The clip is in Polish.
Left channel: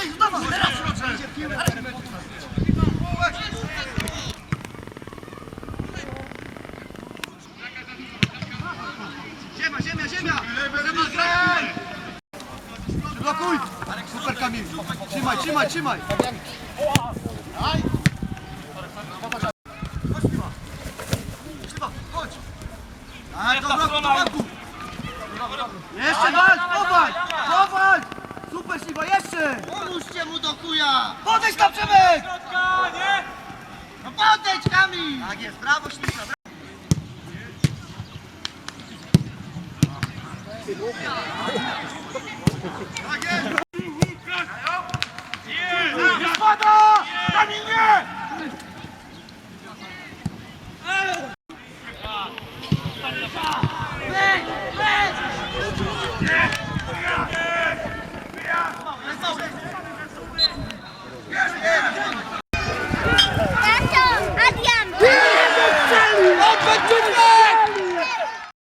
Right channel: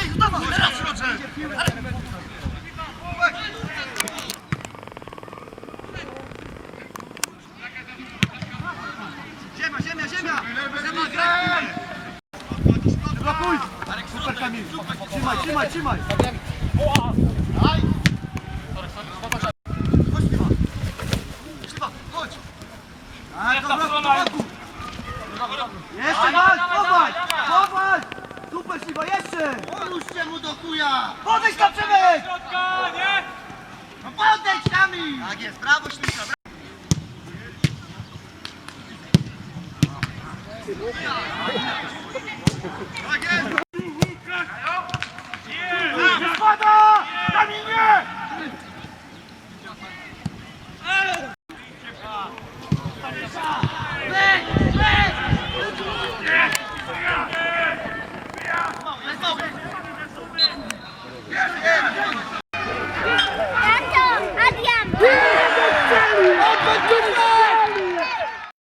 Dawaj, dawaj, teraz Roger! Ziemia, ziemia, ziemia! Blokuj! Super Kamil! Trzymaj, trzymaj, trzymaj! Chodź, Piwa! Chodź! A, dobra, do boku! Pomóżcie mu do chuja! Podejdź tam Przemek! No podejdź Kamil! Tak jest, brawo! Tak jest! Phan Trung Kiên